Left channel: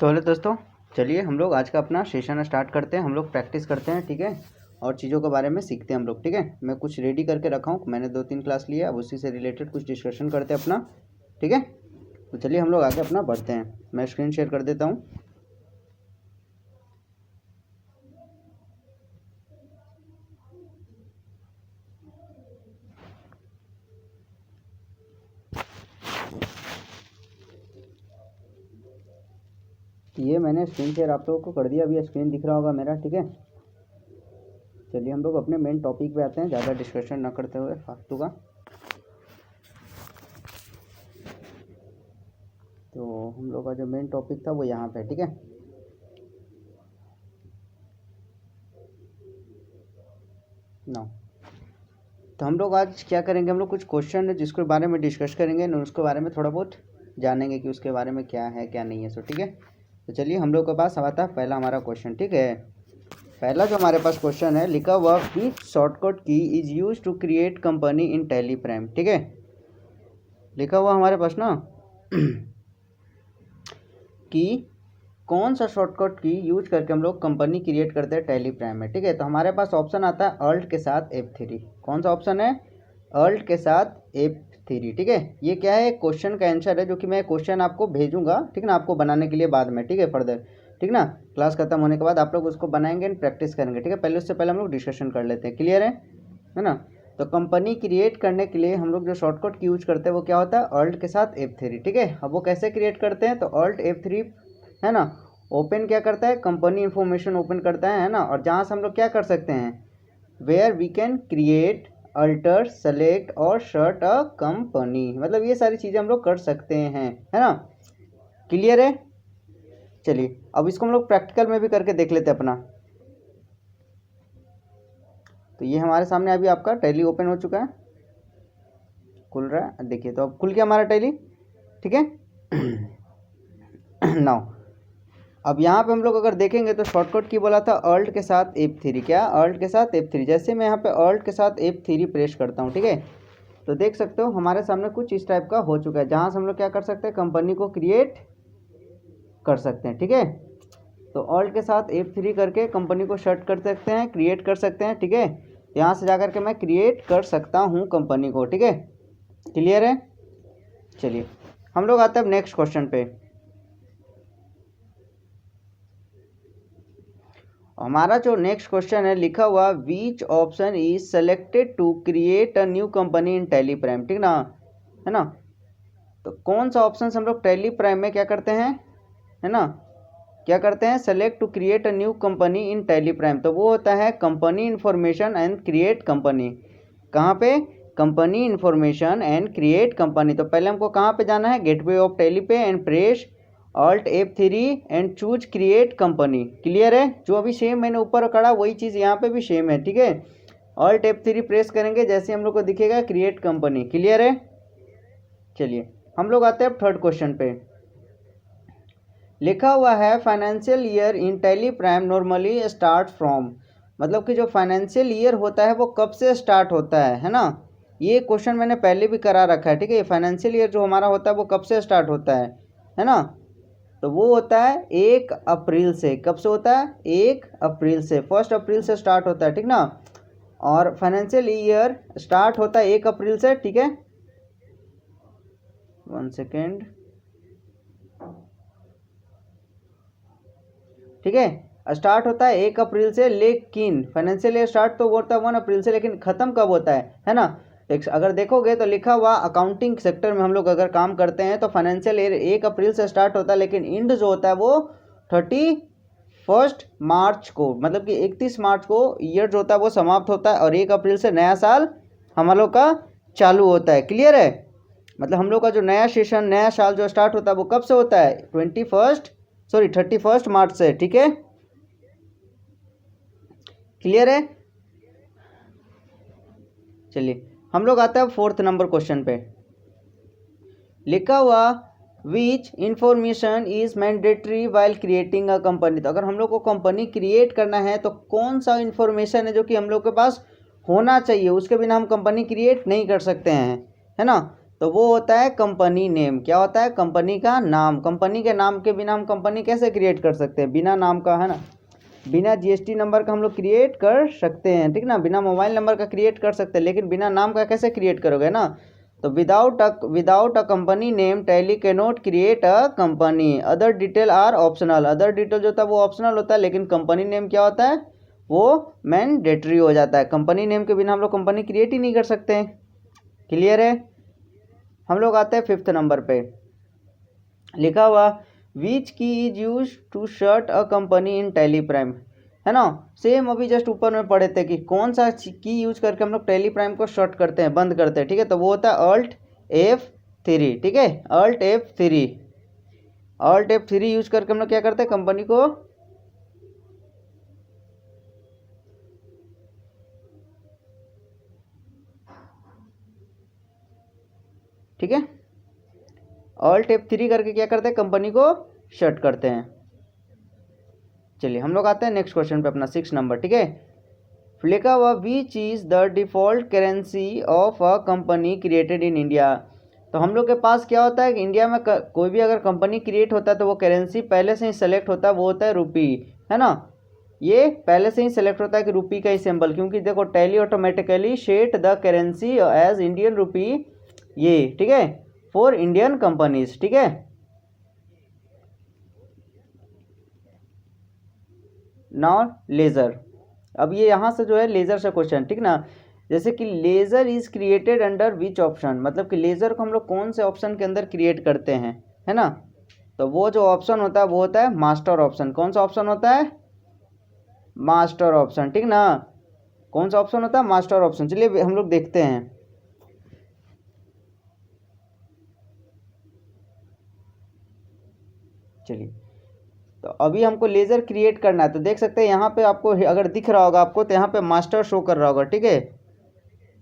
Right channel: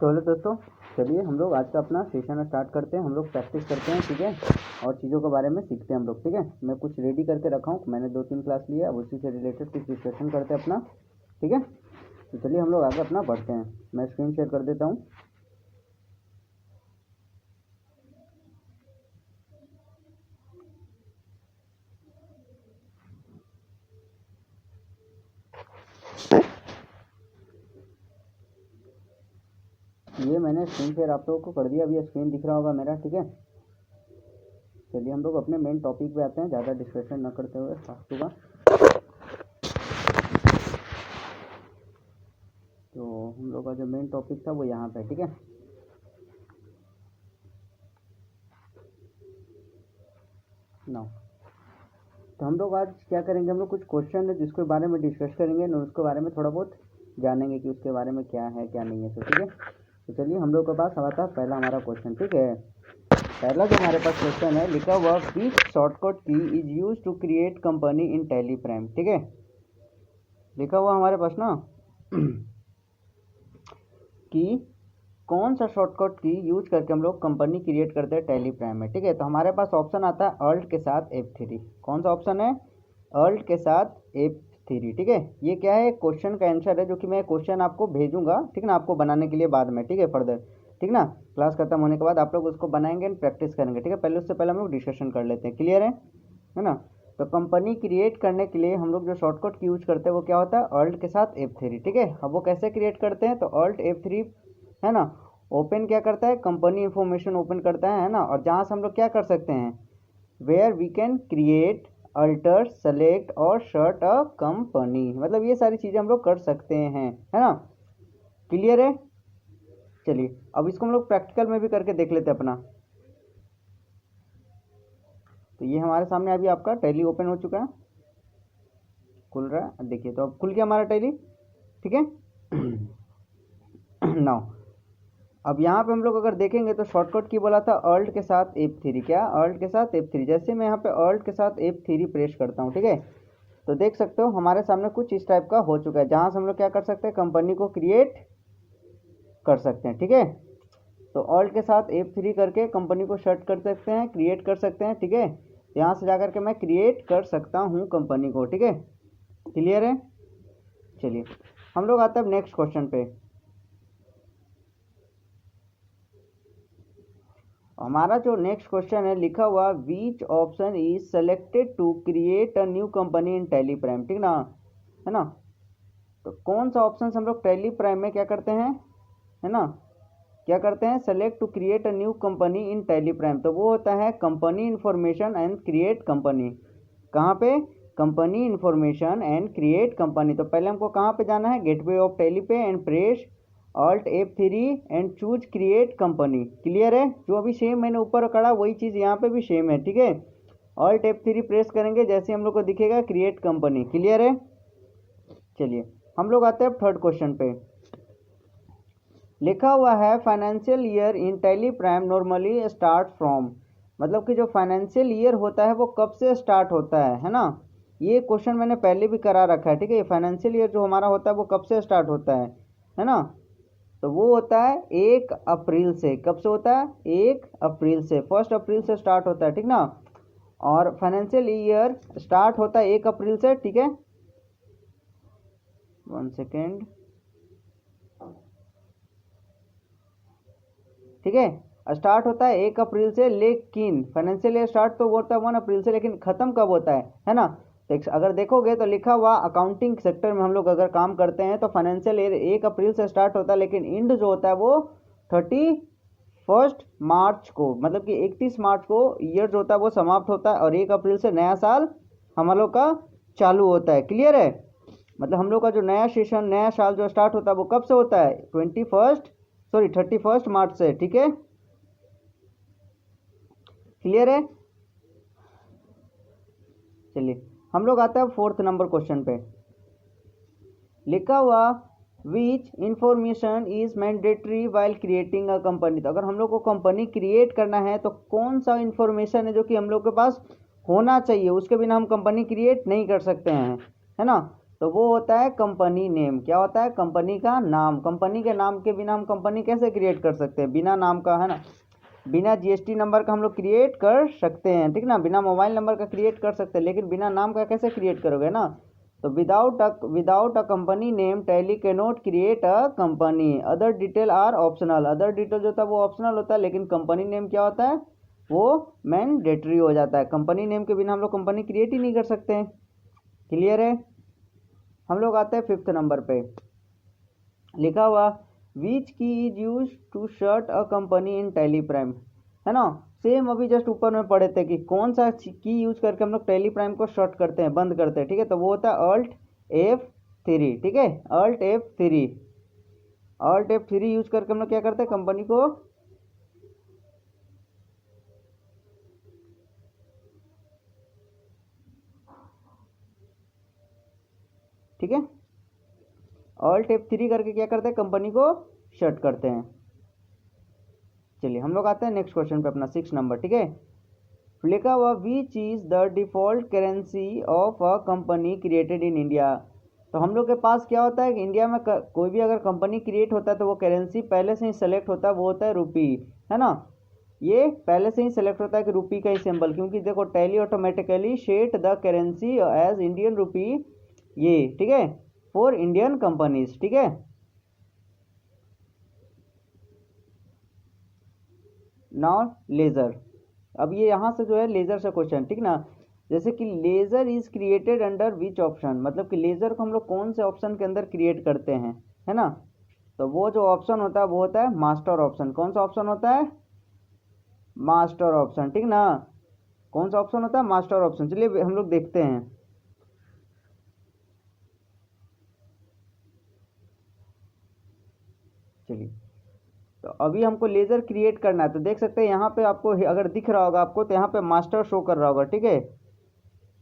तो हेलो दोस्तों, चलिए हम लोग आज का अपना सेशन स्टार्ट करते हैं। हम लोग प्रैक्टिस करते हैं, ठीक है, और चीज़ों के बारे में सीखते हैं हम लोग, ठीक है। मैं कुछ रेडी करके रखा हूँ, मैंने 2-3 क्लास लिया, अब उसी से रिलेटेड कुछ डिस्कशन करते हैं अपना, ठीक है। तो चलिए हम लोग आगे अपना बढ़ते हैं। मैं स्क्रीन शेयर कर देता हूँ। ये मैंने स्क्रीन शेयर आप लोगों को कर दिया, अभी स्क्रीन दिख रहा होगा मेरा, ठीक है। चलिए हम लोग अपने मेन टॉपिक पे आते हैं, ज़्यादा डिस्कशन ना करते हुए फालतू का। तो हम लोग का जो मेन टॉपिक था वो यहाँ पे, ठीक है। नो, तो हम लोग आज क्या करेंगे, हम लोग कुछ क्वेश्चन है जिसके बारे में डिस्कस करेंगे, उसके बारे में थोड़ा बहुत जानेंगे कि उसके बारे में क्या है क्या नहीं है, सो ठीक है। तो चलिए हम लोग के पास आता है पहला हमारा क्वेश्चन, ठीक है। पहला जो हमारे पास क्वेश्चन है, लिखा हुआ which shortcut key is use to create company in Tally Prime, ठीक है। लिखा हुआ हमारे पास ना कि कौन सा शॉर्टकट की यूज करके हम लोग कंपनी क्रिएट करते हैं टैली प्राइम में, ठीक है। तो हमारे पास ऑप्शन आता है अल्ट के साथ F3। कौन सा ऑप्शन है? अल्ट के साथ F3, ठीक है। ये क्या है? क्वेश्चन का आंसर है, जो कि मैं क्वेश्चन आपको भेजूंगा, ठीक ना, आपको बनाने के लिए बाद में, ठीक है, फर्दर, ठीक ना। क्लास खत्म होने के बाद आप लोग उसको बनाएंगे एंड प्रैक्टिस करेंगे, ठीक है। पहले उससे पहले हम लोग डिस्कशन कर लेते हैं, क्लियर है ना। तो कंपनी क्रिएट करने के लिए हम लोग जो शॉर्टकट की यूज करते हैं वो क्या होता है? अल्ट के साथ F3, ठीक है। अब वो कैसे क्रिएट करते हैं? तो अल्ट F3 है ना, ओपन क्या करता है? कंपनी इंफॉर्मेशन ओपन करता है ना। और जहाँ से हम लोग क्या कर सकते हैं? Where we can create, alter, select और शर्ट अ कंपनी, मतलब ये सारी चीज़ें हम लोग कर सकते हैं, है ना। क्लियर है? चलिए अब इसको हम लोग प्रैक्टिकल में भी करके देख लेते हैं अपना। तो ये हमारे सामने अभी आपका टैली ओपन हो चुका है, खुल रहा है, देखिए। तो अब खुल गया हमारा टैली, ठीक है। नाउ अब यहाँ पे हम लोग अगर देखेंगे तो शॉर्टकट की बोला था अल्ट के साथ F3, क्या? अल्ट के साथ F3। जैसे मैं यहाँ पे अल्ट के साथ F3 प्रेस करता हूँ, ठीक है, तो देख सकते हो हमारे सामने कुछ इस टाइप का हो चुका है, जहाँ से हम लोग क्या कर सकते हैं? कंपनी को क्रिएट कर सकते हैं, ठीक है। तो अल्ट के साथ F3 करके कंपनी को सर्च कर सकते हैं, क्रिएट कर सकते हैं, ठीक है। यहाँ से जाकर के मैं क्रिएट कर सकता हूँ कंपनी को, ठीक है। क्लियर है? चलिए हम लोग आते हैं अब नेक्स्ट क्वेश्चन पे। हमारा जो नेक्स्ट क्वेश्चन है, लिखा हुआ which option is selected to create a new company in Tally Prime, ठीक ना, है ना। तो कौन सा ऑप्शन हम लोग टैली प्राइम में क्या करते हैं, है ना, क्या करते हैं? Select to create a new company in Tally Prime. तो वो होता है company information and create company. कहाँ पे? Company information and create company. तो पहले हमको कहाँ पे जाना है? गेटवे ऑफ टैली पे and press alt F3 and choose create company. Clear है? जो अभी सेम मैंने ऊपर करा वही चीज़ यहाँ पे भी सेम है, ठीक है। अल्ट F3 प्रेस करेंगे, जैसे हम लोग को दिखेगा क्रिएट कंपनी। क्लियर है? चलिए हम लोग आते हैं अब थर्ड क्वेश्चन पे। लिखा हुआ है financial year in Tally prime normally start from, मतलब कि जो फाइनेंशियल ईयर होता है वो कब से स्टार्ट होता है ना। ये क्वेश्चन मैंने पहले भी करा रखा है, ठीक है। फाइनेंशियल ईयर जो हमारा होता है वो कब से स्टार्ट होता है ना। तो वो होता है 1 अप्रैल से। कब से होता है? 1 अप्रैल से, 1 अप्रैल से स्टार्ट होता है, ठीक ना। और फाइनेंशियल ईयर स्टार्ट होता है 1 अप्रैल से, ठीक है। 1 सेकेंड, ठीक है। स्टार्ट होता है 1 अप्रैल से, लेकिन फाइनेंशियल ईयर स्टार्ट तो होता है 1 अप्रैल से, लेकिन खत्म कब होता है ना। अगर देखोगे तो लिखा हुआ अकाउंटिंग सेक्टर में हम लोग अगर काम करते हैं तो फाइनेंशियल ईयर 1 अप्रैल से स्टार्ट होता है, लेकिन इंड जो होता है वो 31 मार्च को, मतलब कि 31 मार्च को ईयर जो होता है वो समाप्त होता है, और 1 अप्रैल से नया साल हम लोग का चालू होता है। क्लियर है? मतलब हम लोग का जो नया सेशन, नया साल जो स्टार्ट होता है वो कब से होता है? 31 मार्च से, ठीक है। क्लियर है? चलिए हम लोग आते हैं फोर्थ नंबर क्वेश्चन पे। लिखा हुआ which information is mandatory while creating a company. तो अगर हम लोग को कंपनी क्रिएट करना है तो कौन सा इंफॉर्मेशन है जो कि हम लोग के पास होना चाहिए, उसके बिना हम कंपनी क्रिएट नहीं कर सकते हैं, है ना। तो वो होता है कंपनी नेम। क्या होता है? कंपनी का नाम। कंपनी के नाम के बिना हम कंपनी कैसे क्रिएट कर सकते हैं? बिना नाम का, है ना, बिना जीएसटी नंबर का हम लोग क्रिएट कर सकते हैं, ठीक ना, बिना मोबाइल नंबर का क्रिएट कर सकते हैं, लेकिन बिना नाम का कैसे क्रिएट करोगे ना? तो without a company name Tally can not create a company. Other detail are optional. Other detail जो होता है वो ऑप्शनल होता है, लेकिन कंपनी नेम क्या होता है? वो मैंडेटरी हो जाता है। कंपनी नेम के बिना हम लोग कंपनी क्रिएट ही नहीं कर सकते हैं। क्लियर है? हम लोग आते हैं 5th नंबर पे। लिखा हुआ which key is use to shut a company in Tally Prime, है ना। सेम अभी जस्ट ऊपर में पढ़े थे कि कौन सा की यूज करके हम लोग टैली प्राइम को शट करते हैं, बंद करते हैं, ठीक है। तो वो होता है Alt F3, ठीक है, Alt F3। Alt F3 use करके हम लोग क्या करते हैं? कंपनी को ठीक है, Alt F3 करके क्या करते हैं? कंपनी को शट करते हैं। चलिए हम लोग आते हैं नेक्स्ट क्वेश्चन पे, अपना 6 नंबर, ठीक है। लिखा हुआ which is the default currency of a company created in India. तो हम लोग के पास क्या होता है कि इंडिया में कोई भी अगर कंपनी क्रिएट होता है तो वो करेंसी पहले से ही सेलेक्ट होता है, वो होता है रुपी, है ना। ये पहले से ही सेलेक्ट होता है कि रुपी का ही सिंबल, क्योंकि देखो Tally automatically set the currency as Indian rupee, ये ठीक है, फॉर इंडियन कंपनीज, ठीक है। नाउ लेजर, अब ये यहाँ से जो है लेजर से क्वेश्चन, ठीक ना। जैसे कि ledger is created under which option, मतलब कि लेजर को हम लोग कौन से ऑप्शन के अंदर क्रिएट करते हैं, है ना। तो वो जो ऑप्शन होता है वो होता है मास्टर ऑप्शन। कौन सा ऑप्शन होता है? मास्टर ऑप्शन, ठीक ना। कौन सा ऑप्शन होता है? Master option. चलिए हम लोग देखते हैं। चलिए तो अभी हमको लेजर क्रिएट करना है, तो देख सकते हैं यहाँ पे आपको अगर दिख रहा होगा आपको, तो यहाँ पे मास्टर शो कर रहा होगा, ठीक है,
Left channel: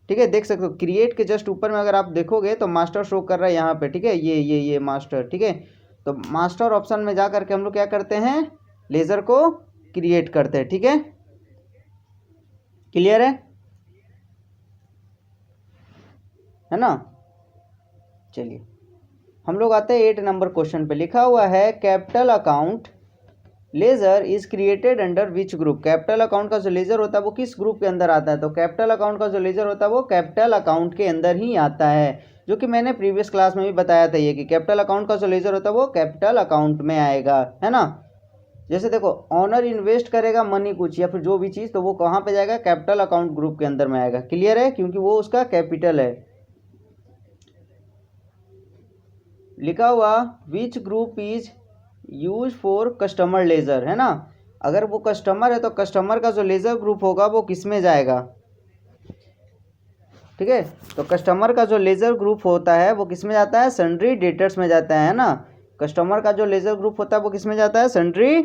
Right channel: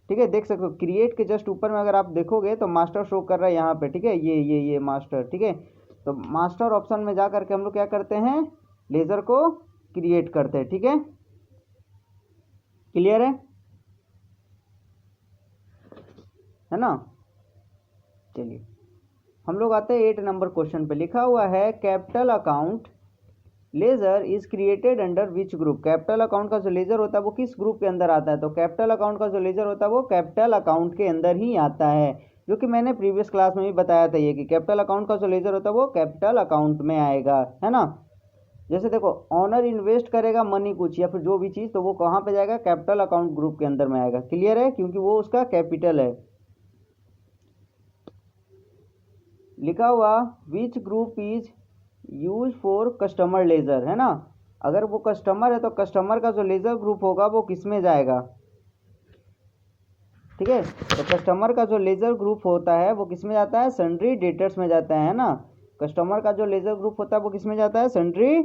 ठीक है, देख सकते हो क्रिएट के जस्ट ऊपर में अगर आप देखोगे तो मास्टर शो कर रहा है यहाँ पे, ठीक है, ये मास्टर, ठीक है। तो मास्टर ऑप्शन में जा करके हम लोग क्या करते हैं? लेजर को क्रिएट करते हैं, ठीक है। क्लियर है ना। चलिए हम लोग आते हैं 8 नंबर क्वेश्चन पे। लिखा हुआ है capital account laser is created under which group. Capital account का जो लेजर होता है वो किस ग्रुप के अंदर आता है? तो कैपिटल अकाउंट का जो लेजर होता है वो कैपिटल अकाउंट के अंदर ही आता है, जो कि मैंने प्रीवियस क्लास में भी बताया था ये कि कैपिटल अकाउंट का जो लेजर होता है वो कैपिटल अकाउंट में आएगा, है ना। जैसे देखो ऑनर इन्वेस्ट करेगा मनी कुछ या फिर जो भी चीज़, तो वो कहाँ पे जाएगा? कैपिटल अकाउंट ग्रुप के अंदर में आएगा। क्लियर है? क्योंकि वो उसका कैपिटल है। लिखा हुआ which group is use for customer ledger, है ना। अगर वो कस्टमर है तो कस्टमर का जो लेजर ग्रुप होगा वो किस में जाएगा? ठीक है, तो कस्टमर का जो लेजर ग्रुप होता है वो किस में जाता है? सन्ड्री डेटर्स में जाता है ना। कस्टमर का जो लेजर ग्रुप होता है वो किस में जाता है? सन्ड्री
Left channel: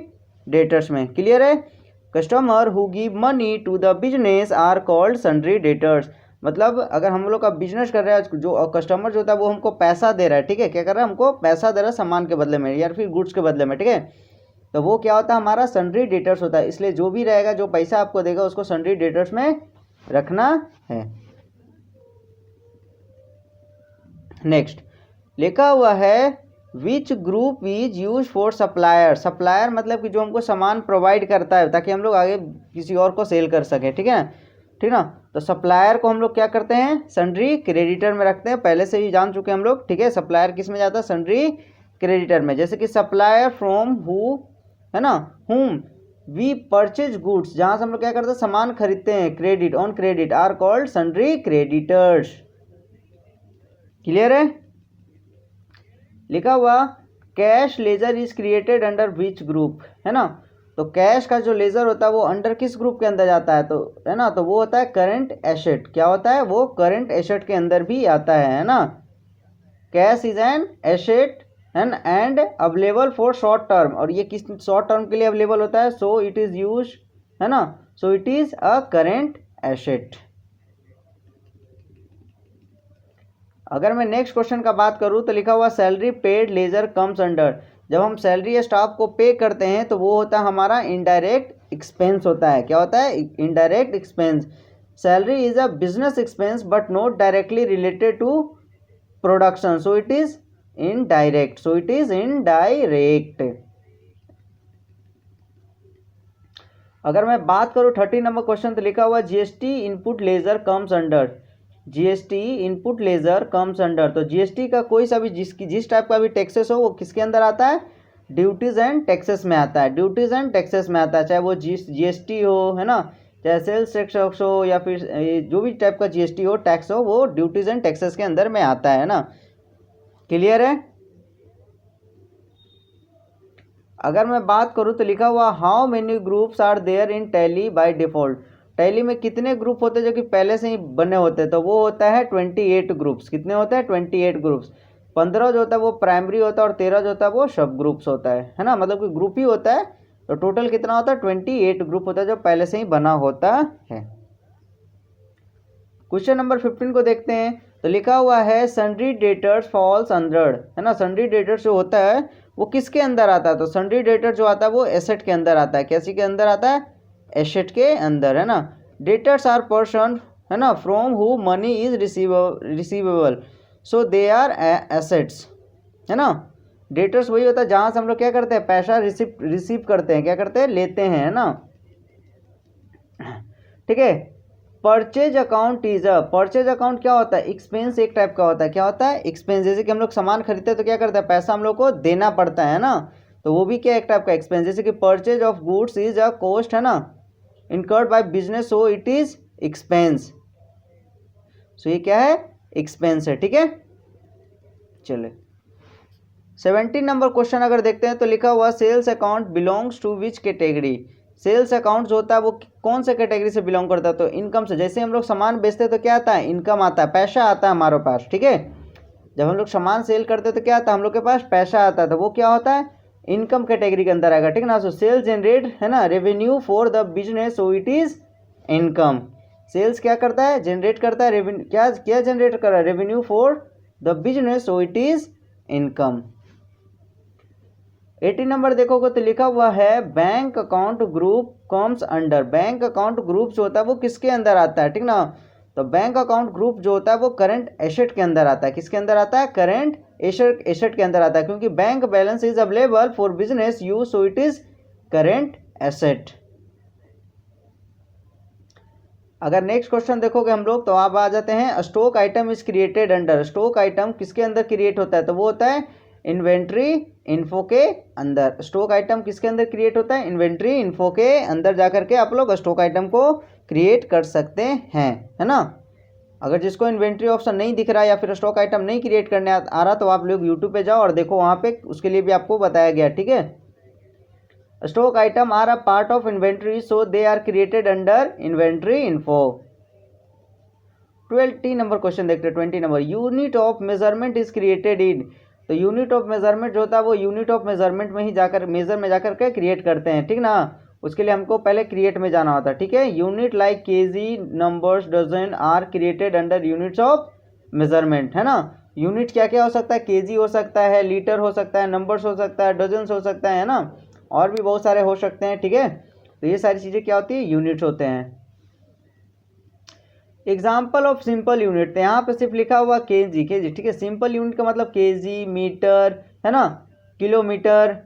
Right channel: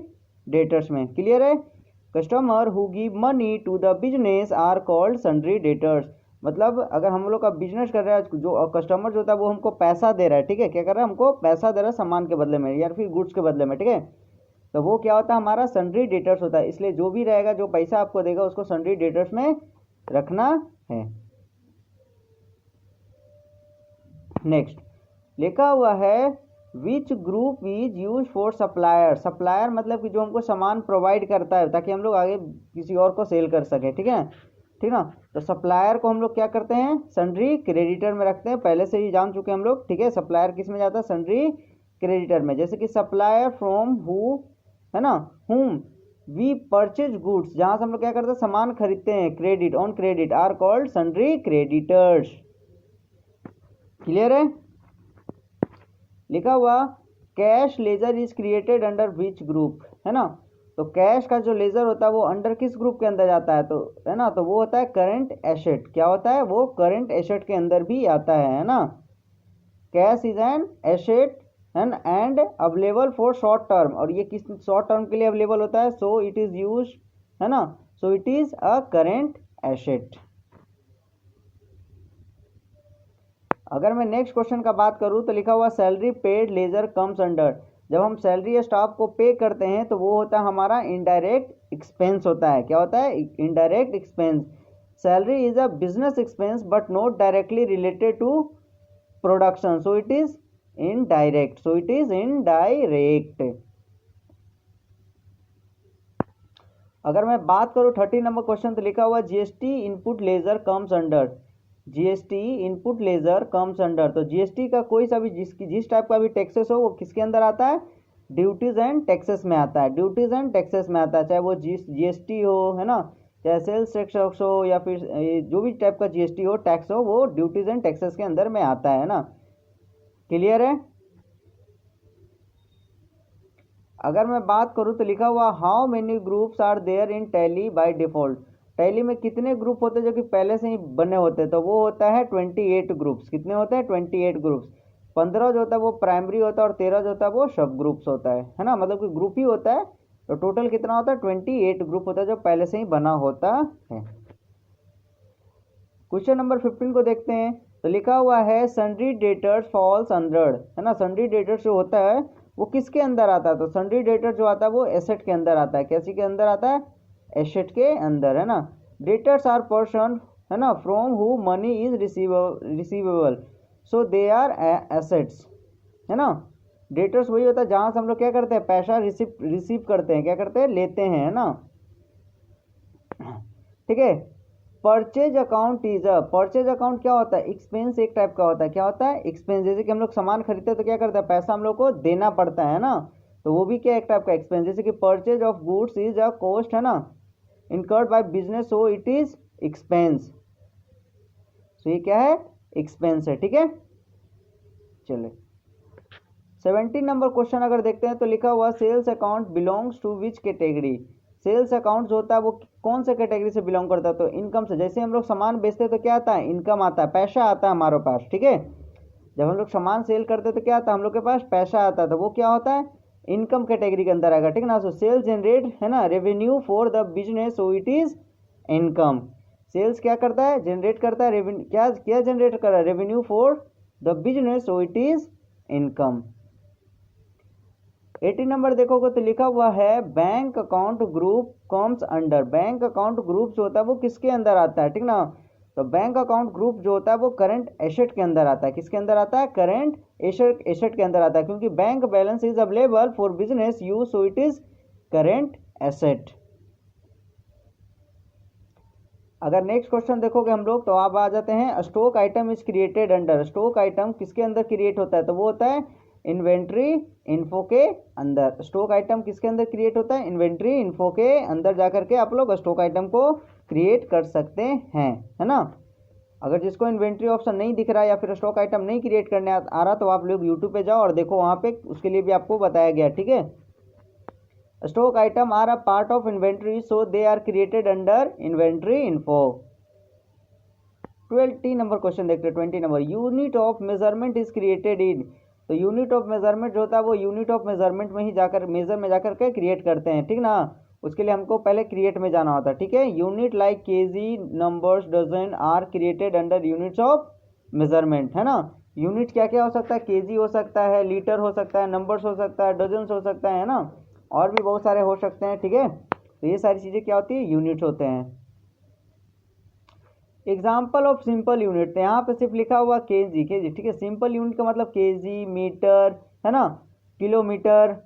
डेटर्स में। क्लियर है? Customer who give money to the business are called sundry debtors. मतलब अगर हम लोग का बिजनेस कर रहे हैं, जो कस्टमर जो होता है वो हमको पैसा दे रहा है, ठीक है, क्या कर रहा है? हमको पैसा दे रहा है सामान के बदले में या फिर गुड्स के बदले में, ठीक है। तो वो क्या होता है? हमारा सन्ड्री डेटर्स होता है। इसलिए जो भी रहेगा, जो पैसा आपको देगा, उसको सन्ड्री डेटर्स में रखना है। नेक्स्ट लिखा हुआ है विच group is use for supplier. Supplier मतलब कि जो हमको सामान प्रोवाइड करता है ताकि हम लोग आगे किसी और को सेल कर सकें, ठीक है, ठीक ना। तो सप्लायर को हम लोग क्या करते हैं? सन्ड्री क्रेडिटर में रखते हैं। पहले से ही जान चुके हम लोग, ठीक है। सप्लायर किस में जाता है? सन्ड्री क्रेडिटर में। जैसे कि सप्लायर फ्रॉम हु, है ना, हुम वी परचेज गुड्स, जहाँ से हम लोग क्या करते हैं? सामान खरीदते हैं, credit on credit are called sundry creditors. Clear है? लिखा हुआ cash ledger is created under which group, है ना। तो कैश का जो लेजर होता है वो अंडर किस ग्रुप के अंदर जाता है? तो है ना, तो वो होता है करंट एसेट। क्या होता है? वो करंट एसेट के अंदर भी आता है ना। Cash is an asset and available for short term, और ये किस शॉर्ट टर्म के लिए अवेलेबल होता है? सो इट इज यूज, है ना, सो it is a current asset. अगर मैं नेक्स्ट क्वेश्चन का बात करूं तो लिखा हुआ salary paid ledger comes under. जब हम सैलरी स्टाफ को पे करते हैं तो वो होता है हमारा इनडायरेक्ट एक्सपेंस होता है। क्या होता है? Indirect expense. Salary is a business expense but not directly related to production, so it is indirect, so it is indirect. अगर मैं बात करूं 30 नंबर क्वेश्चन, तो लिखा हुआ GST input ledger comes under, GST input ledger comes under, तो GST का कोई सा भी जिस टाइप का भी टैक्सेस हो वो किसके अंदर आता है, ड्यूटीज एंड टैक्सेस में आता है, ड्यूटीज एंड टैक्सेस में आता है, चाहे वो जीएसटी हो, है ना, चाहे सेल्स टैक्स हो, या फिर जो भी टाइप का जीएसटी हो, टैक्स हो, वो ड्यूटीज एंड टैक्सेस के अंदर में आता है ना। क्लियर है। अगर मैं बात करूं तो लिखा हुआ how many groups are there in Tally by default, Tally में कितने ग्रुप होते हैं जो कि पहले से ही बने होते हैं, तो वो होता है 28 ग्रुप्स। कितने होते हैं, 28 ग्रुप्स। 15 जो होता है वो प्राइमरी होता है और 13 जो होता है वो सब ग्रुप्स होता है ना, मतलब कि ग्रुप ही होता है। तो टोटल कितना होता है, 28 ग्रुप होता है जो पहले से ही बना होता है। क्वेश्चन नंबर 15 को देखते हैं, तो लिखा हुआ है सन्ड्री डेटर्स फॉल्स अंडर, है ना, सन्ड्री डेटर्स जो होता है वो किसके अंदर आता है, तो सन्ड्री डेटर जो आता है वो एसेट के अंदर आता है। कैसी के अंदर आता है, एसेट के अंदर, है ना। डेटर्स आर पर्सन, है ना, from who money is receivable, so they are assets, है ना। डेटर्स वही होता है जहां से हम लोग क्या करते हैं, पैसा रिसीव करते हैं, क्या करते हैं, लेते हैं, है ना। ठीक है। Purchase account is a, purchase account क्या होता है, एक्सपेंस एक टाइप का होता है। क्या होता है, एक्सपेंस। जैसे कि हम लोग सामान खरीदते हैं तो क्या करता है, पैसा हम लोग को देना पड़ता है ना, तो वो भी क्या एक टाइप का एक्सपेंस। जैसे कि purchase of goods is a cost, है ना, incurred by business, so it is expense. सो ये क्या है, एक्सपेंस है। ठीक है, चलिए 17 नंबर क्वेश्चन अगर देखते हैं, तो लिखा हुआ sales account belongs to which category, sales account जो होता है वो कौन से कैटेगरी से बिलोंग करता है, तो इनकम से। जैसे हम लोग सामान बेचते हैं तो क्या आता है, इनकम आता है, पैसा आता है हमारे पास। ठीक है, जब हम लोग सामान सेल करते हैं तो क्या आता है, हम लोग के पास पैसा आता है, तो वो क्या होता है, इनकम कैटेगरी के अंदर आएगा। ठीक है ना। सो सेल्स जनरेट, है ना, revenue for the business, so it is income. Sales क्या करता है, जनरेट करता है रेवेन्यू, क्या क्या जनरेट कर रहा है, revenue for the business, so it is income. 18 number देखोगे तो लिखा हुआ है bank account group comes under, bank account group जो होता है वो किसके अंदर आता है, ठीक ना। तो बैंक अकाउंट ग्रुप जो होता है वो करंट एसेट के अंदर आता है। किसके अंदर आता है, करंट एसेट के अंदर आता है, क्योंकि bank balance is available for business use, so it is current asset. अगर नेक्स्ट क्वेश्चन देखोगे हम लोग, तो आप आ जाते हैं stock item is created under, stock item किसके अंदर क्रिएट होता है, तो वो होता है इन्वेंट्री इन्फो के अंदर। स्टॉक आइटम किसके अंदर क्रिएट होता है, इन्वेंट्री इन्फो के अंदर जाकर के आप लोग स्टॉक आइटम को क्रिएट कर सकते हैं, है ना। अगर जिसको इन्वेंट्री ऑप्शन नहीं दिख रहा है या फिर स्टॉक आइटम नहीं क्रिएट करने आ रहा, तो आप लोग यूट्यूब पे जाओ और देखो, वहाँ पे उसके लिए भी आपको बताया गया। ठीक है, stock item are a part of inventory, so they are created under inventory info. 20 number question देखते हैं। 20 number, unit of measurement is created in, तो यूनिट ऑफ मेजरमेंट जो होता है वो यूनिट ऑफ मेजरमेंट में ही जाकर, मेजर में जाकर के क्रिएट करते हैं, ठीक ना। उसके लिए हमको पहले क्रिएट में जाना होता है। ठीक है, unit like KG, numbers, dozen are created under units of measurement, है ना। यूनिट क्या क्या हो सकता है, केजी हो सकता है, लीटर हो सकता है, नंबर्स हो सकता है, डजन हो सकता है ना, और भी बहुत सारे हो सकते हैं। ठीक है, तो ये सारी चीज़ें क्या होती है, यूनिट्स होते हैं। एग्जाम्पल ऑफ सिंपल यूनिट, तो यहाँ पे सिर्फ लिखा हुआ केजी, केजी। ठीक है, सिंपल यूनिट का मतलब केजी, मीटर, है ना, किलोमीटर,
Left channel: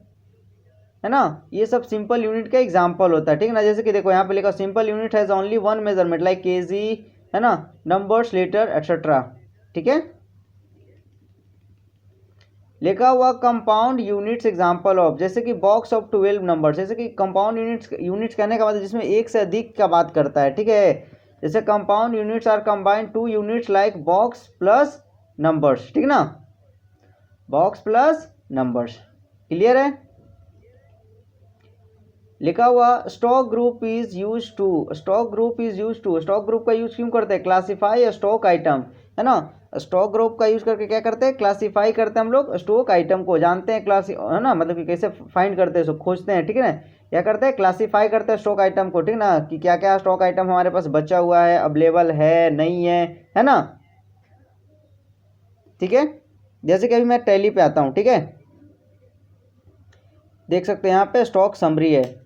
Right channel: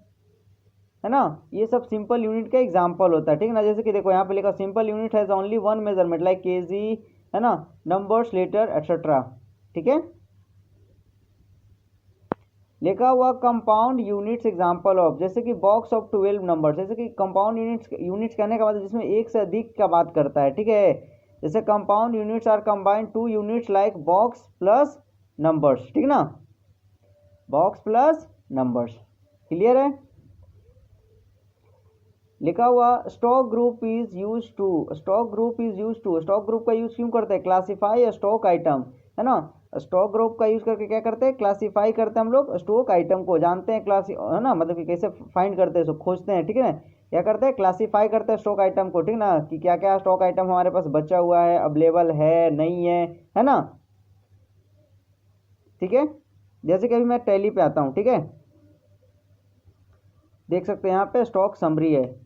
है ना, ये सब सिंपल यूनिट का एग्जाम्पल होता है। ठीक है ना। जैसे कि देखो यहाँ पे लिखा simple unit has only one measurement like KG, है ना, नंबर्स, लीटर, एक्सेट्रा। ठीक है, लिखा हुआ कंपाउंड यूनिट्स एग्जाम्पल ऑफ, जैसे कि बॉक्स ऑफ 12 नंबर। जैसे कि कंपाउंड यूनिट्स कहने का मतलब जिसमें एक से अधिक का बात करता है। ठीक है, जैसे compound units are combined to units like box plus numbers, ठीक ना, बॉक्स प्लस नंबर्स। क्लियर है। लिखा हुआ stock group is use to, stock group is use to, stock group का यूज क्यों करते हैं, क्लासीफाई स्टॉक आइटम, है ना। स्टॉक ग्रुप का यूज करके क्या करते हैं, क्लासीफाई करते हैं हम लोग स्टॉक आइटम को, जानते हैं क्लासी, है ना, मतलब कि कैसे फाइंड करते हैं, खोजते हैं। ठीक है ना, क्या करते हैं, क्लासीफाई करते हैं स्टॉक आइटम को, ठीक ना, कि क्या क्या स्टॉक आइटम हमारे पास बचा हुआ है, अवेलेबल है, नहीं है ना। ठीक है, जैसे कि अभी मैं टैली पे आता हूँ। ठीक है, देख सकते हैं यहाँ पे स्टॉक समरी है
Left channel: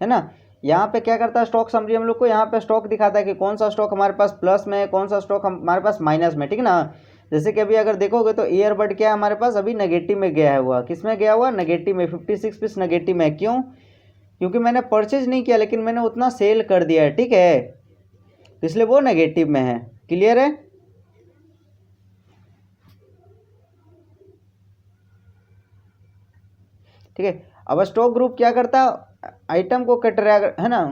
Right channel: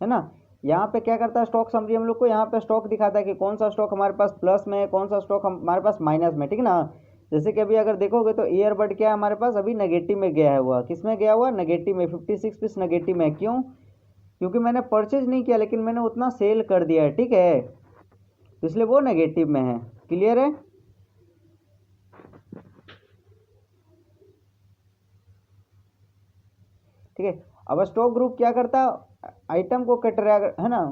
ना। यहाँ पे क्या करता है स्टॉक समरी, हम लोग को यहाँ पे स्टॉक दिखाता है कि कौन सा स्टॉक हमारे पास प्लस में है, कौन सा स्टॉक हमारे पास माइनस में। ठीक है ना, जैसे कि अभी अगर देखोगे तो ईयरबड क्या है हमारे पास अभी नेगेटिव में गया है हुआ, किस में गया हुआ, नेगेटिव में, 56 पीस नेगेटिव में। क्यों? क्योंकि मैंने परचेज नहीं किया लेकिन मैंने उतना सेल कर दिया है, ठीक है, तो इसलिए वो नेगेटिव में है। क्लियर है? ठीक है। अब स्टॉक ग्रुप क्या करता है, आइटम को है ना,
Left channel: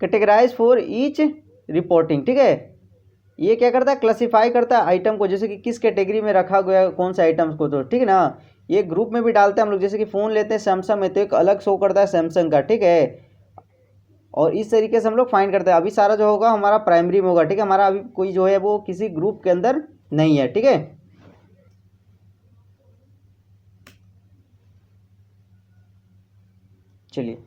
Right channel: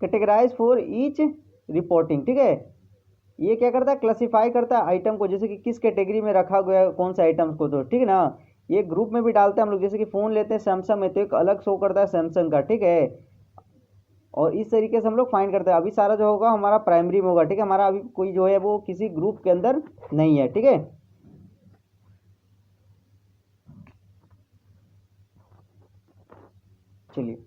कैटेगराइज फॉर ईच रिपोर्टिंग, ठीक है, ये क्या करता है, क्लासिफाई करता है आइटम को, जैसे कि किस कैटेगरी में रखा गया है कौन से आइटम्स को, तो ठीक है ना। ये ग्रुप में भी डालते हैं हम लोग, जैसे कि फ़ोन लेते हैं सैमसंग में तो एक अलग शो करता है सैमसंग का, ठीक है, और इस तरीके से हम लोग फाइंड करते हैं। अभी सारा जो होगा हमारा प्राइमरी में होगा, ठीक है, हमारा अभी कोई जो है वो किसी ग्रुप के अंदर नहीं है, ठीक है। चलिए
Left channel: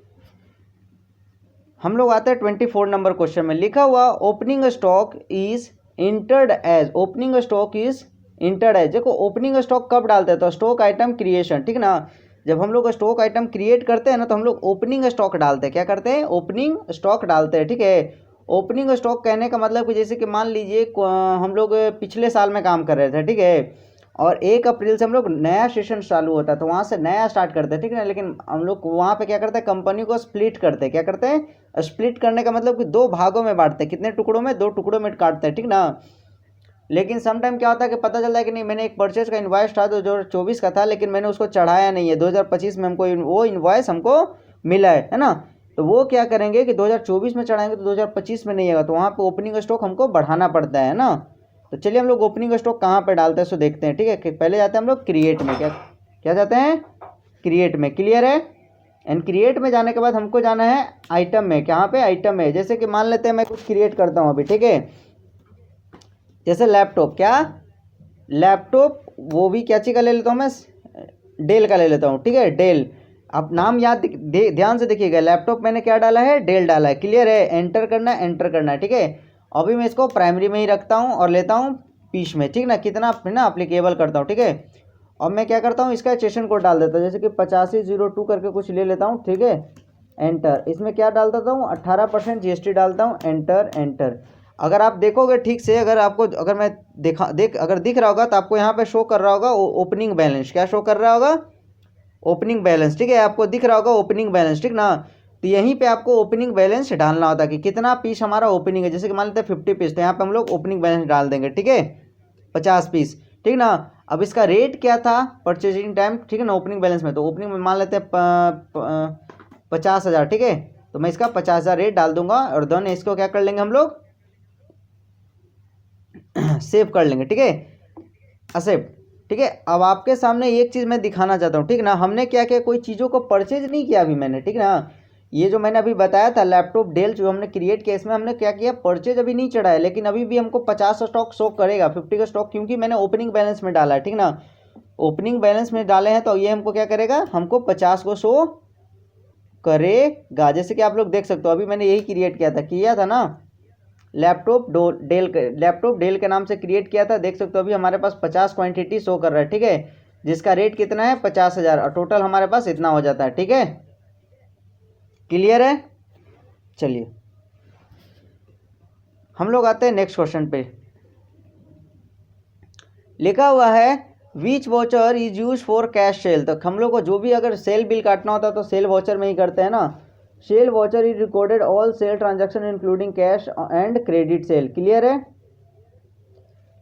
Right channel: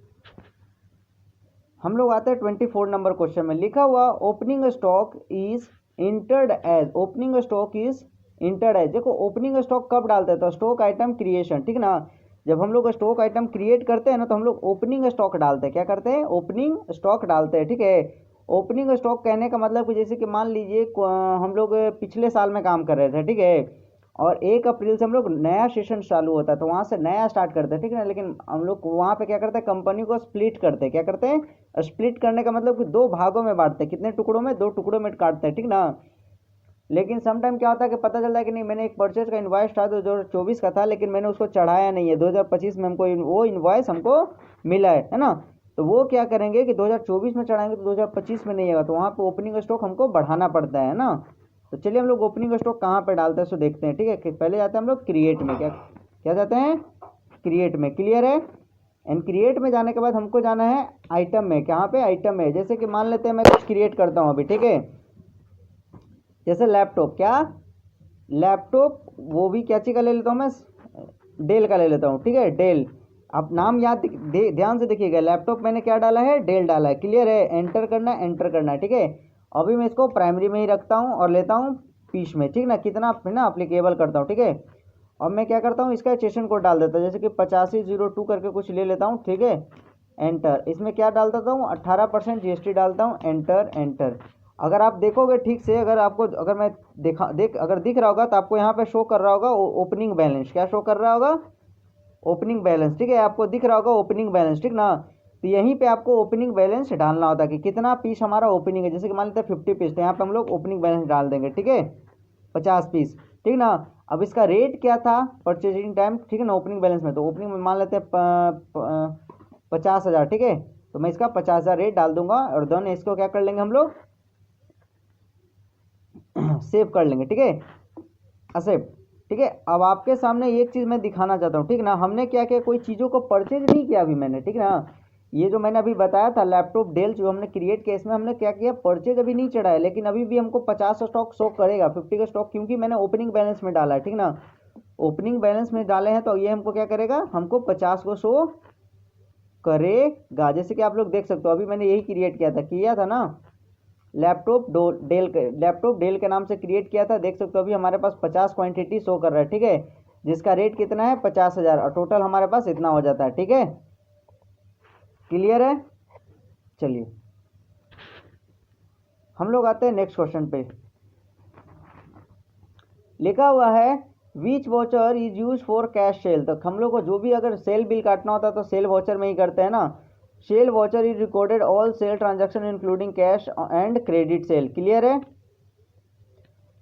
हम लोग आते हैं 24 नंबर क्वेश्चन में। लिखा हुआ opening stock is entered as, opening stock is entered as. देखो ओपनिंग स्टॉक कब डालते हैं, तो स्टॉक आइटम क्रिएशन, ठीक ना, जब हम लोग स्टॉक आइटम क्रिएट करते हैं ना तो हम लोग ओपनिंग स्टॉक डालते हैं। क्या करते हैं? ओपनिंग स्टॉक डालते हैं, ठीक है। ओपनिंग स्टॉक कहने का मतलब कि जैसे कि मान लीजिए हम लोग पिछले साल में काम कर रहे थे, ठीक है, और 1 अप्रैल से हम लोग नया सेशन चालू होता है तो वहाँ से नया स्टार्ट करते हैं, ठीक है ना, लेकिन हम लोग वहाँ पे क्या करते हैं, कंपनी को स्प्लिट करते हैं। क्या करते हैं? स्प्लिट करने का मतलब कि 2 भागों में बांटते हैं। कितने टुकड़ों में? 2 टुकड़ों में काटते हैं, ठीक ना। लेकिन सम टाइम क्या होता है कि पता चलता है कि नहीं, मैंने एक परचेज का इन्वाइस था 2024 का था लेकिन मैंने उसको चढ़ाया नहीं है, 2025 में हमको वो इन्वाइस हमको मिला है ना, तो वो क्या करेंगे कि 2024 में चढ़ाएंगे तो 2025 में नहीं आएगा, तो वहाँ पे ओपनिंग स्टॉक हमको बढ़ाना पड़ता है ना। तो चलिए हम लोग ओपनिंग स्टॉक कहाँ पे डालते हैं सो देखते हैं, ठीक है। पहले जाते हैं हम लोग क्रिएट में, क्या क्या जाते हैं? क्रिएट में। क्लियर है? एंड क्रिएट में जाने के बाद हमको जाना है आइटम में। कहाँ पे? आइटम में। जैसे कि मान लेते हैं मैं कुछ क्रिएट करता हूँ अभी, ठीक है, जैसे लैपटॉप, क्या लैपटॉप, वो भी क्या चीज़ का ले लेता हूँ मैं, डेल का ले लेता हूँ, ठीक है, डेल। अब नाम याद ध्यान से देखिएगा, लैपटॉप मैंने क्या डाला है, डेल डाला है। क्लियर है? एंटर करना है, एंटर करना है, ठीक है। अभी मैं इसको प्राइमरी में ही रखता हूँ और लेता हूँ पीस में, ठीक ना, कितना ना अप्लीकेबल करता हूँ, ठीक है। अब मैं क्या करता हूँ, इसका सेशन कोड डाल देता हूँ, जैसे कि 8502 करके कुछ ले लेता हूँ, ठीक है, एंटर। इसमें क्या डाल देता हूँ, 18% GST डालता हूँ, एंटर एंटर। अगर आप देखोगे ठीक से, अगर आपको, अगर मैं अगर दिख रहा होगा तो आपको यहाँ पे शो कर रहा होगा ओपनिंग बैलेंस। क्या शो कर रहा होगा? ओपनिंग बैलेंस, ठीक है, आपको दिख रहा होगा ओपनिंग बैलेंस, ठीक ना। तो यहीं पे आपको ओपनिंग बैलेंस डालना होता है कि कितना पीस हमारा ओपनिंग है। जैसे कि मान लेते हैं 50 पीस, तो यहाँ पे हम लोग ओपनिंग बैलेंस डाल देंगे, ठीक है, 50 पीस, ठीक ना। अब इसका रेट क्या था परचेजिंग टाइम, ठीक है ना, ओपनिंग बैलेंस में, तो ओपनिंग में मान लेते हैं 50,000, ठीक है, तो मैं इसका 50,000 रेट डाल दूंगा और देन इसको क्या कर लेंगे हम लोग, सेव कर लेंगे, ठीक है, एक्सेप्ट, ठीक है। अब आपके सामने एक चीज़ मैं दिखाना चाहता हूँ, ठीक ना, हमने क्या किया, कोई चीज़ों को परचेज नहीं किया अभी मैंने, ठीक ना। ये जो मैंने अभी बताया था लैपटॉप डेल जो हमने क्रिएट किया, इसमें हमने क्या किया, परचेज अभी नहीं चढ़ाया, लेकिन अभी भी हमको 50 का स्टॉक शो करेगा, 50 का स्टॉक, क्योंकि मैंने ओपनिंग बैलेंस में डाला है, ठीक ना। ओपनिंग बैलेंस में डाले हैं तो ये हमको क्या करेगा, हमको 50 को शो करेगा। जैसे कि आप लोग देख सकते हो अभी मैंने यही क्रिएट किया था ना, लैपटॉप डेल के नाम से क्रिएट किया था। देख सकते हो अभी हमारे पास 50 क्वांटिटी शो कर रहा है, ठीक है, जिसका रेट कितना है, 50,000, और टोटल हमारे पास इतना हो जाता है, ठीक है। क्लियर है? चलिए हम लोग आते हैं नेक्स्ट क्वेश्चन पे। लिखा हुआ है which voucher is use for cash sale. तो हम लोग को जो भी अगर सेल बिल काटना होता है तो सेल वॉचर में ही करते हैं ना। Sale voucher is recorded all sale transaction including cash and credit sale. Clear है?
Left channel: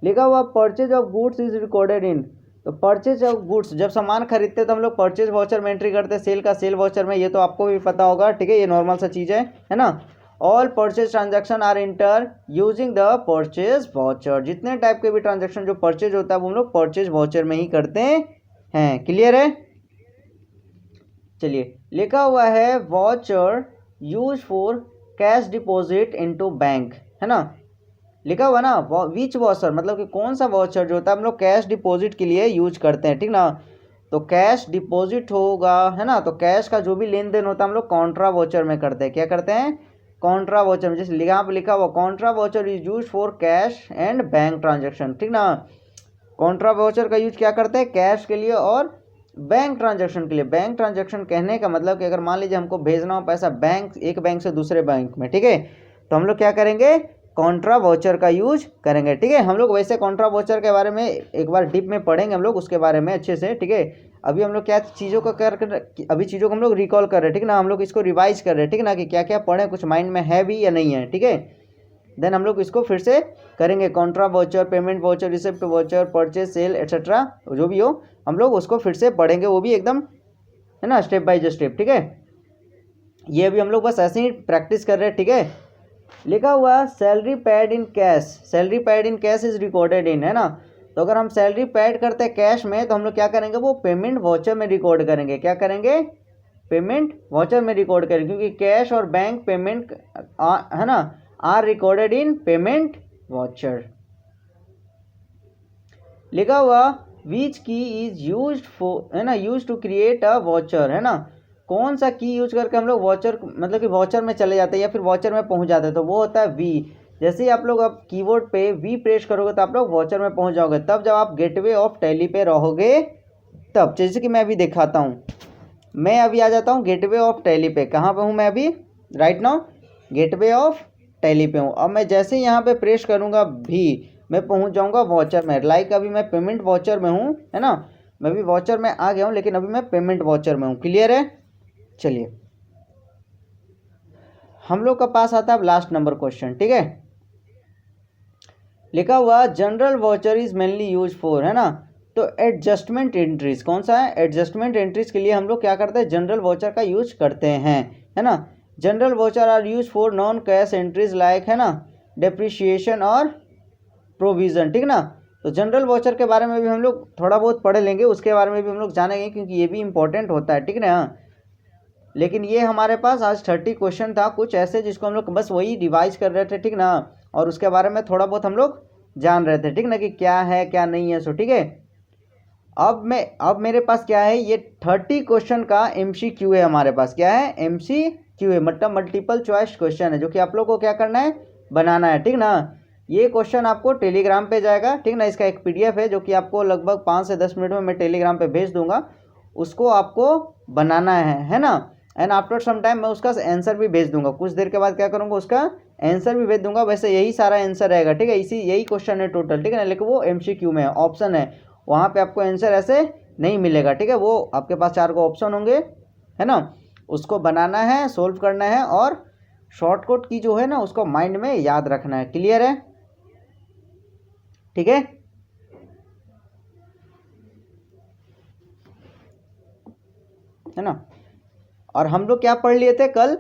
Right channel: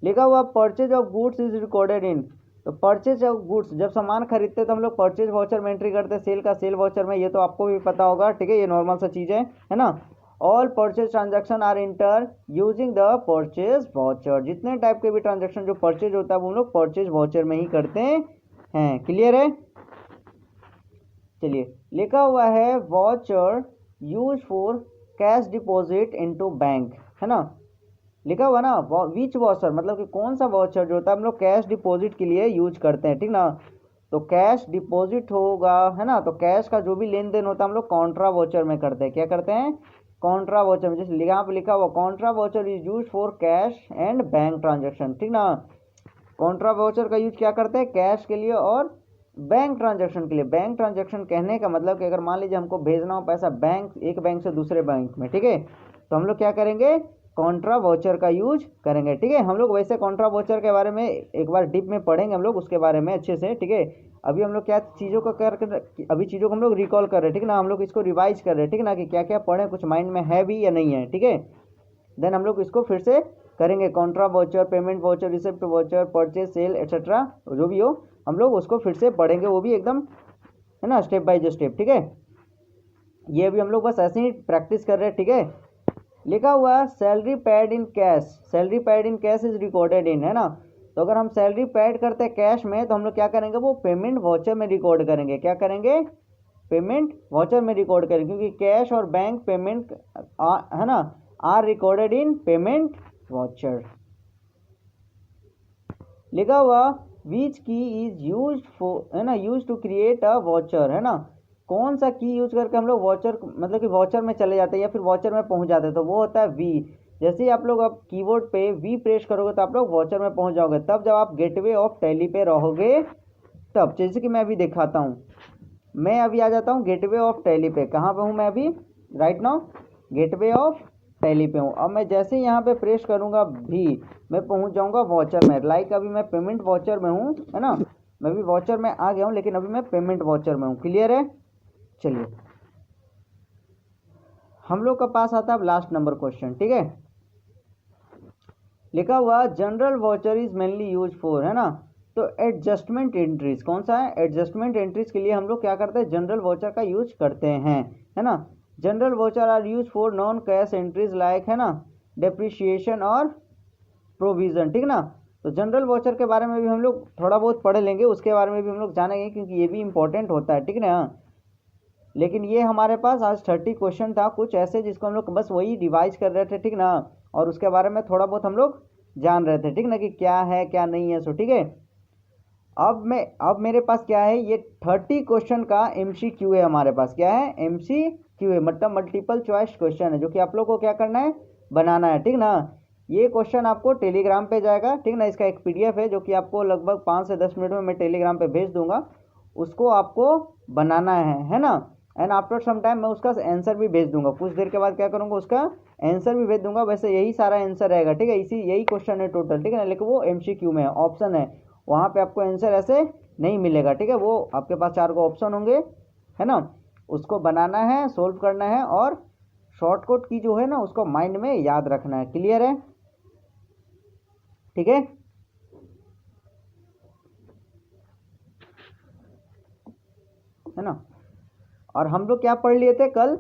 लिखा हुआ purchase of goods is recorded in. तो परचेज ऑफ गुड्स, जब सामान खरीदते हैं तो हम लोग परचेज वॉचर में एंट्री करते हैं, सेल का सेल वॉचर में, ये तो आपको भी पता होगा, ठीक है, ये नॉर्मल सा चीज़ है ना। All purchase transaction are enter using the purchase voucher. जितने टाइप के भी ट्रांजैक्शन जो परचेज होता है वो हम लोग परचेज वॉचर में ही करते हैं। क्लियर है? चलिए लिखा हुआ है watcher use for cash deposit into bank, है ना, लिखा हुआ ना, विच वॉचर मतलब कि कौन सा वॉचर जो होता है हम लोग कैश डिपॉजिट के लिए यूज करते हैं, ठीक ना। तो कैश डिपॉजिट होगा, है ना, तो कैश का जो भी लेन देन होता है हम लोग कॉन्ट्रा वॉचर में करते हैं। क्या करते हैं? कॉन्ट्रा वॉचर में। जैसे यहाँ पे लिखा हुआ Contra watcher is use for cash and bank transaction, ठीक ना। कॉन्ट्रा वॉचर का यूज क्या करते हैं? कैश के लिए और बैंक ट्रांजेक्शन के लिए। बैंक ट्रांजेक्शन कहने का मतलब कि अगर मान लीजिए हमको भेजना हो पैसा बैंक, एक बैंक से दूसरे बैंक में, ठीक है, तो हम लोग क्या करेंगे, कॉन्ट्रा वाउचर का यूज करेंगे। ठीक है, हम लोग वैसे कॉन्ट्रा वाउचर के बारे में एक बार डीप में पढ़ेंगे हम लोग उसके बारे में अच्छे से। ठीक है, अभी हम लोग क्या चीज़ों को अभी चीज़ों को हम लोग रिकॉल कर रहे हैं। ठीक ना, हम लोग इसको रिवाइज कर रहे हैं। ठीक ना, कि क्या क्या पढ़े, कुछ माइंड में है भी या नहीं है। ठीक है, देन हम लोग इसको फिर से करेंगे। Contra voucher, payment voucher, receipt voucher, purchase, sale etcetera जो भी हो, हम लोग उसको फिर से पढ़ेंगे, वो भी एकदम है ना, स्टेप बाय स्टेप। ठीक है, ये भी हम लोग बस ऐसे ही प्रैक्टिस कर रहे हैं। ठीक है, लिखा हुआ salary paid in cash, salary paid in cash is recorded इन, है ना। तो अगर हम सैलरी पेड करते हैं कैश में, तो हम लोग क्या करेंगे, वो पेमेंट वाउचर में रिकॉर्ड करेंगे। क्या करेंगे, पेमेंट वाउचर में रिकॉर्ड करेंगे, क्योंकि कैश और बैंक पेमेंट है ना, are recorded in payment voucher. लिखा हुआ which key is use for, है ना, use to create a voucher, है ना। कौन सा की यूज करके हम लोग वाउचर, मतलब कि वाउचर में चले जाते हैं या फिर वाउचर में पहुंच जाते हैं, तो वो होता है वी। जैसे ही आप लोग अब कीबोर्ड पे वी प्रेस करोगे तो आप लोग वाउचर में पहुंच जाओगे, तब जब आप गेटवे ऑफ टैली पे रहोगे तब। जैसे कि मैं अभी दिखाता हूँ, मैं अभी आ जाता हूँ गेटवे ऑफ टैली पे। कहाँ पे हूँ मैं अभी, right now gateway of Tally पे हूँ। अब मैं जैसे ही यहाँ पे प्रेस करूँगा भी, मैं पहुँच जाऊँगा वाउचर में। लाइक अभी मैं पेमेंट वाउचर में हूँ, है ना, मैं भी वाउचर में आ गया हूँ, लेकिन अभी मैं पेमेंट वाउचर में हूँ। क्लियर है, चलिए हम लोग का पास आता है अब लास्ट नंबर क्वेश्चन। ठीक है, लिखा हुआ general voucher is mainly use for, है ना। तो एडजस्टमेंट एंट्रीज, कौन सा है, एडजस्टमेंट एंट्रीज के लिए हम लोग क्या करते हैं, जनरल वाउचर का यूज करते हैं, है ना। Journal voucher are use for non cash entries like, है ना, डेप्रिसिएशन और प्रोविजन। ठीक ना, तो जनरल वाउचर के बारे में भी हम लोग थोड़ा बहुत पढ़ लेंगे, उसके बारे में भी हम लोग जानेंगे, क्योंकि ये भी इंपॉर्टेंट होता है। ठीक ना, लेकिन ये हमारे पास आज 30 क्वेश्चन था कुछ ऐसे, जिसको हम लोग बस वही रिवाइज कर रहे थे। ठीक ना, और उसके बारे में थोड़ा बहुत हम लोग जान रहे थे। ठीक ना, कि क्या है क्या नहीं है। सो ठीक है, अब मेरे पास क्या है, ये 30 क्वेश्चन का MCQ है हमारे पास। क्या है, MCQ है, मतलब मल्टीपल चॉइस क्वेश्चन है, जो कि आप लोग को क्या करना है, बनाना है। ठीक ना, ये क्वेश्चन आपको टेलीग्राम पे जाएगा। ठीक ना, इसका एक PDF है जो कि आपको लगभग 5 से 10 मिनट में मैं टेलीग्राम पे भेज दूंगा, उसको आपको बनाना है ना। एंड आफ्टर सम टाइम मैं उसका आंसर भी भेज दूंगा, कुछ देर के बाद क्या करूंगा, उसका आंसर भी भेज दूंगा। वैसे यही सारा आंसर रहेगा। ठीक है, यही क्वेश्चन है टोटल। ठीक है ना, लेकिन वो MCQ में है, ऑप्शन है, वहाँ पे आपको आंसर ऐसे नहीं मिलेगा। ठीक है, वो आपके पास 4 को ऑप्शन होंगे, है ना, उसको बनाना है, सोल्व करना है, और शॉर्टकट की जो है ना, उसको माइंड में याद रखना है। क्लियर है, ठीक है ना। और हम लोग क्या पढ़ लिए थे कल,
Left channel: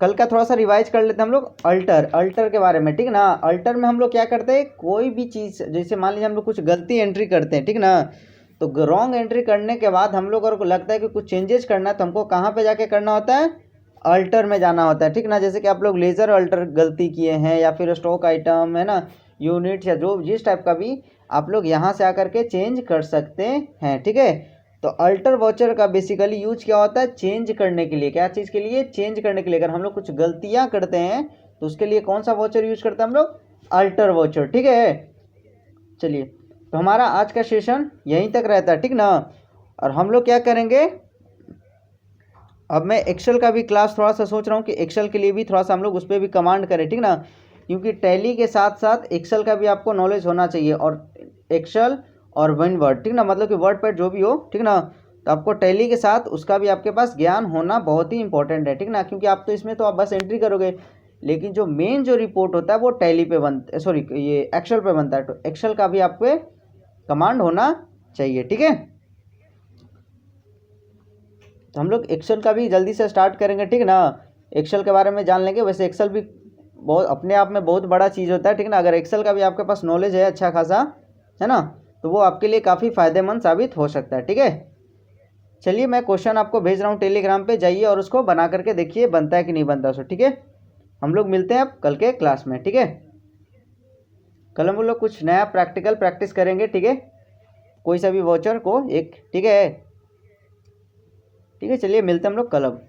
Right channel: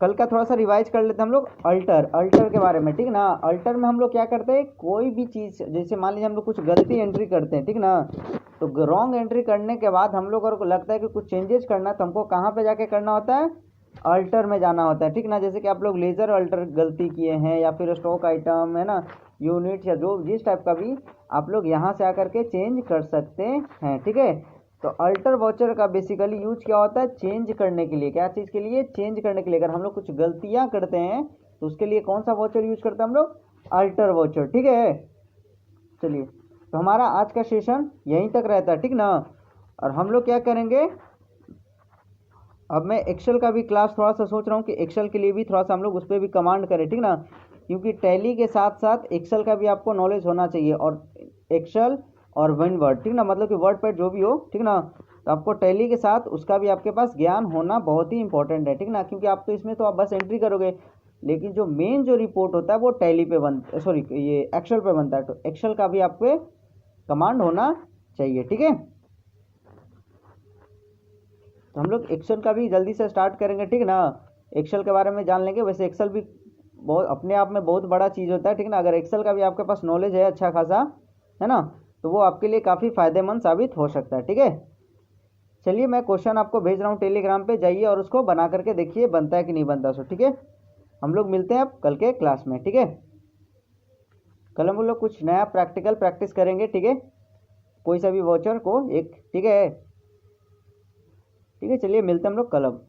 कल का थोड़ा सा रिवाइज कर लेते हैं हम लोग, अल्टर के बारे में। ठीक ना, अल्टर में हम लोग क्या करते हैं, कोई भी चीज़, जैसे मान लीजिए हम लोग कुछ गलती एंट्री करते हैं, ठीक ना, तो रॉन्ग एंट्री करने के बाद हम लोग और को लगता है कि कुछ चेंजेस करना है, तो हमको कहाँ पे जाके करना होता है, अल्टर में जाना होता है। ठीक ना, जैसे कि आप लोग लेज़र अल्टर गलती किए हैं, या फिर स्टॉक आइटम, है ना, यूनिट, या जो जिस टाइप का भी, आप लोग यहाँ से आकर के चेंज कर सकते हैं। ठीक है, तो अल्टर वाउचर का बेसिकली यूज क्या होता है, चेंज करने के लिए। क्या चीज़ के लिए, चेंज करने के लिए। अगर हम लोग कुछ गलतियां करते हैं तो उसके लिए कौन सा वाउचर यूज करते हैं हम लोग, अल्टर वाउचर। ठीक है, चलिए, तो हमारा आज का सेशन यहीं तक रहता है। ठीक ना, और हम लोग क्या करेंगे, अब मैं एक्सेल का भी क्लास थोड़ा सा सोच रहा हूँ कि एक्सेल के लिए भी थोड़ा सा हम लोग उस पर भी कमांड करें। ठीक ना, क्योंकि टैली के साथ साथ एक्सेल का भी आपको नॉलेज होना चाहिए, और एक्सेल और वन वर्ड, ठीक ना, मतलब कि वर्ड पैड जो भी हो, ठीक ना, तो आपको टैली के साथ उसका भी आपके पास ज्ञान होना बहुत ही इंपॉर्टेंट है। ठीक ना, क्योंकि आप तो इसमें तो आप बस एंट्री करोगे, लेकिन जो मेन जो रिपोर्ट होता है वो टैली पे सॉरी ये एक्सेल पे बनता है, तो एक्सेल का भी आप पे कमांड होना चाहिए। ठीक है, तो हम लोग एक्सेल का भी जल्दी से स्टार्ट करेंगे। ठीक ना, एक्सेल के बारे में जान लेंगे। वैसे एक्सेल भी बहुत अपने आप में बहुत बड़ा चीज़ होता है। ठीक ना, अगर एक्सेल का भी आपके पास नॉलेज है अच्छा खासा, है ना, तो वो आपके लिए काफ़ी फ़ायदेमंद साबित हो सकता है। ठीक है, चलिए मैं क्वेश्चन आपको भेज रहा हूँ टेलीग्राम पे, जाइए और उसको बना करके देखिए बनता है कि नहीं बनता। सो ठीक है, हम लोग मिलते हैं अब कल के क्लास में। ठीक है, कल हम लोग कुछ नया प्रैक्टिकल प्रैक्टिस करेंगे। ठीक है, कोई सा भी वाउचर को एक, ठीक है, ठीक है, चलिए मिलते हैं हम लोग कल अब।